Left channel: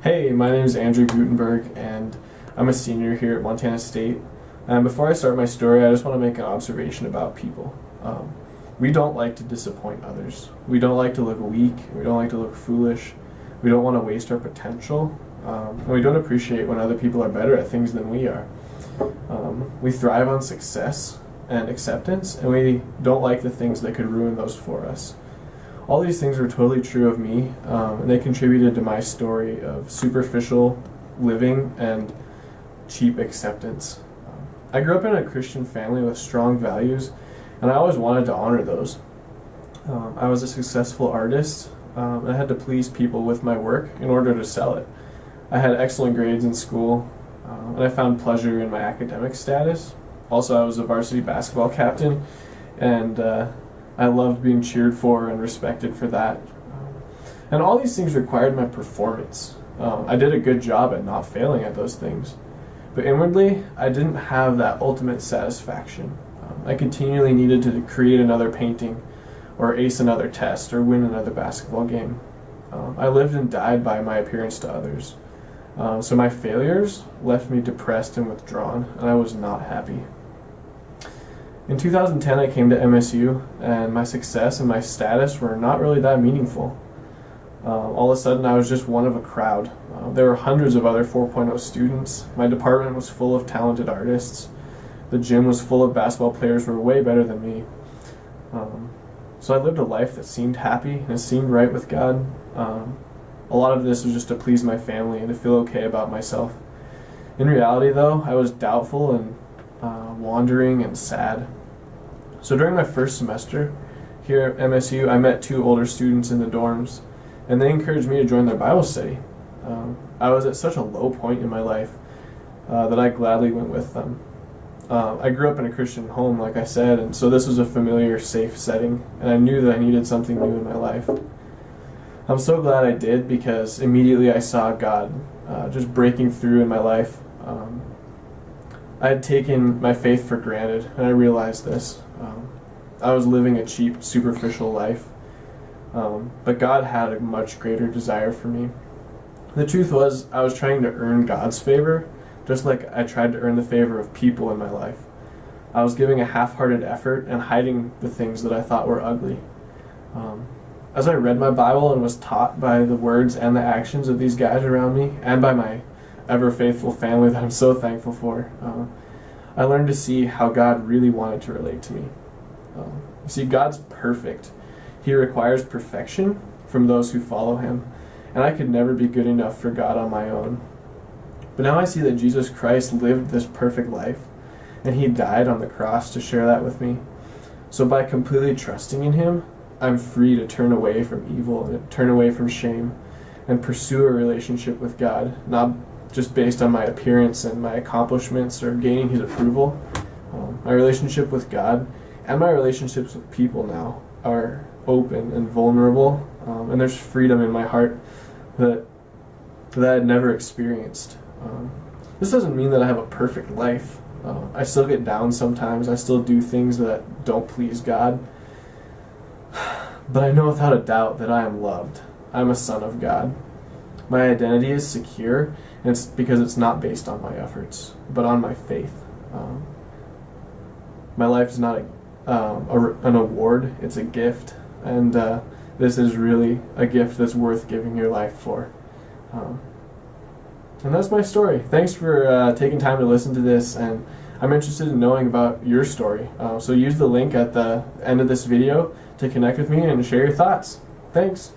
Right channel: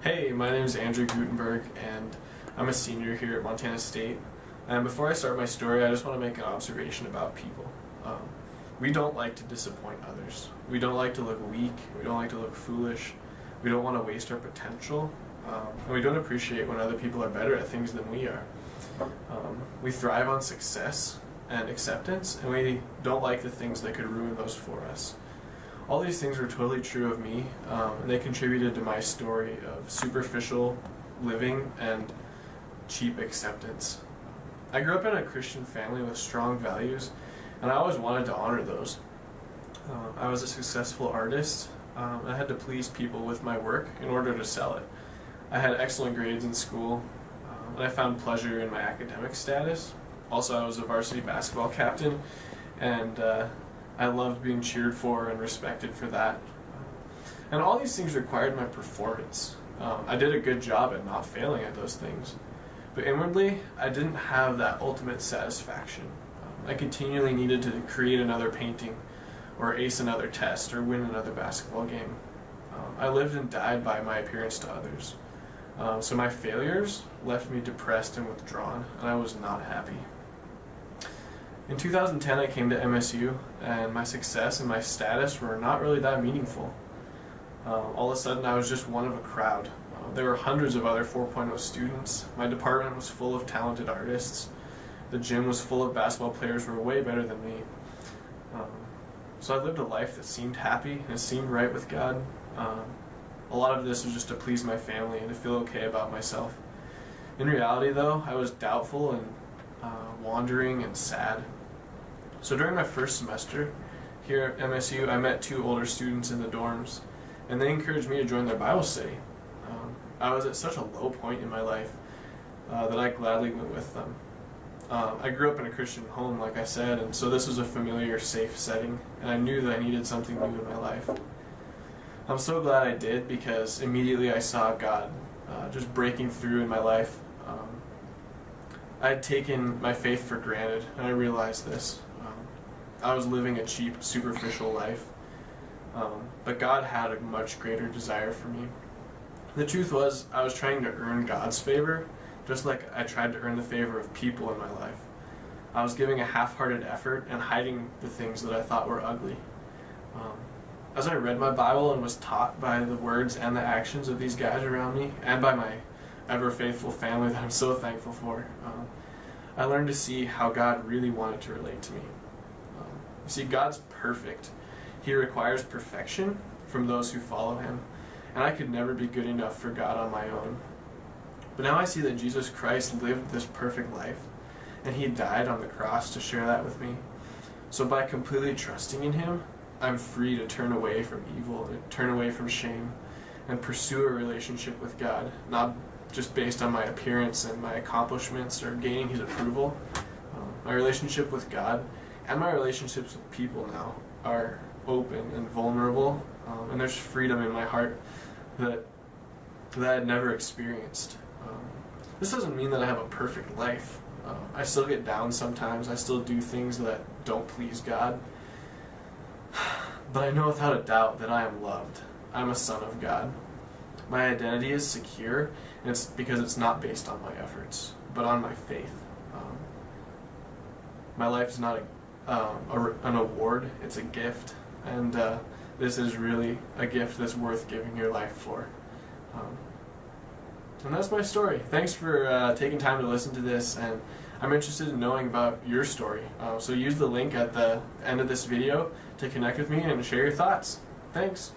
Hey, my name is Andrew Guttenberg, and I'm a senior here at Montana State. And before I start my story, I just want to make an observation about people. We don't like to disappoint others. We don't like to look weak. We don't like to look foolish. We don't want to waste our potential. And we don't appreciate when other people are better at things than we are. We thrive on success and acceptance, and we don't like the things that could ruin those for us. All these things were totally true of me, and they contributed to my story of superficial living and cheap acceptance. I grew up in a Christian family with strong values, and I always wanted to honor those. I was a successful artist, and I had to please people with my work in order to sell it. I had excellent grades in school, and I found pleasure in my academic status. Also, I was a varsity basketball captain, and I loved being cheered for and respected for that. And all these things required my performance. I did a good job at not failing at those things. But inwardly, I didn't have that ultimate satisfaction. I continually needed to create another painting, or ace another test, or win another basketball game. I lived and died by my appearance to others. So my failures left me depressed and withdrawn, and I was not happy. In 2010, I came to MSU, and my success and my status were not really that meaningful. All of a sudden, I was just one of a crowd. There were hundreds of other 4.0 students. My department was full of talented artists. The gym was full of basketball players who were way better than me. So I lived a life that seemed happy and it seemed right with God. A lot of this was just to please my family and to feel okay about myself. In reality, though, I was doubtful and wandering and sad. So during my first semester here at MSU, I met two older students in the dorms, and they encouraged me to join their Bible study. I was at such a low point in my life that I gladly went with them. I grew up in a Christian home, like I said, and so this was a familiar, safe setting, and I knew that I needed something new in my life. I'm so glad I did, because immediately I saw God just breaking through in my life. I had taken my faith for granted, and I realized this. I was living a cheap, superficial life, but God had a much greater desire for me. The truth was, I was trying to earn God's favor, just like I tried to earn the favor of people in my life. I was giving a half-hearted effort and hiding the things that I thought were ugly. As I read my Bible and was taught by the words and the actions of these guys around me, and by my ever-faithful family that I'm so thankful for, I learned to see how God really wanted to relate to me. You see, God's perfect. He requires perfection from those who follow Him, and I could never be good enough for God on my own. But now I see that Jesus Christ lived this perfect life, and He died on the cross to share that with me. So by completely trusting in Him, I'm free to turn away from evil and turn away from shame and pursue a relationship with God, not just based on my appearance and my accomplishments or gaining His approval. My relationship with God and my relationships with people now are open and vulnerable, and there's freedom in my heart that I'd never experienced. This doesn't mean that I have a perfect life. I still get down sometimes. I still do things that don't please God. But I know without a doubt that I am loved. I'm a son of God. My identity is secure, and it's because it's not based on my efforts, but on my faith. My life is not an award, it's a gift, and this is really a gift that's worth giving your life for. And that's my story. Thanks for taking time to listen to this, and I'm interested in knowing about your story. So use the link at the end of this video to connect with me and share your thoughts. Thanks.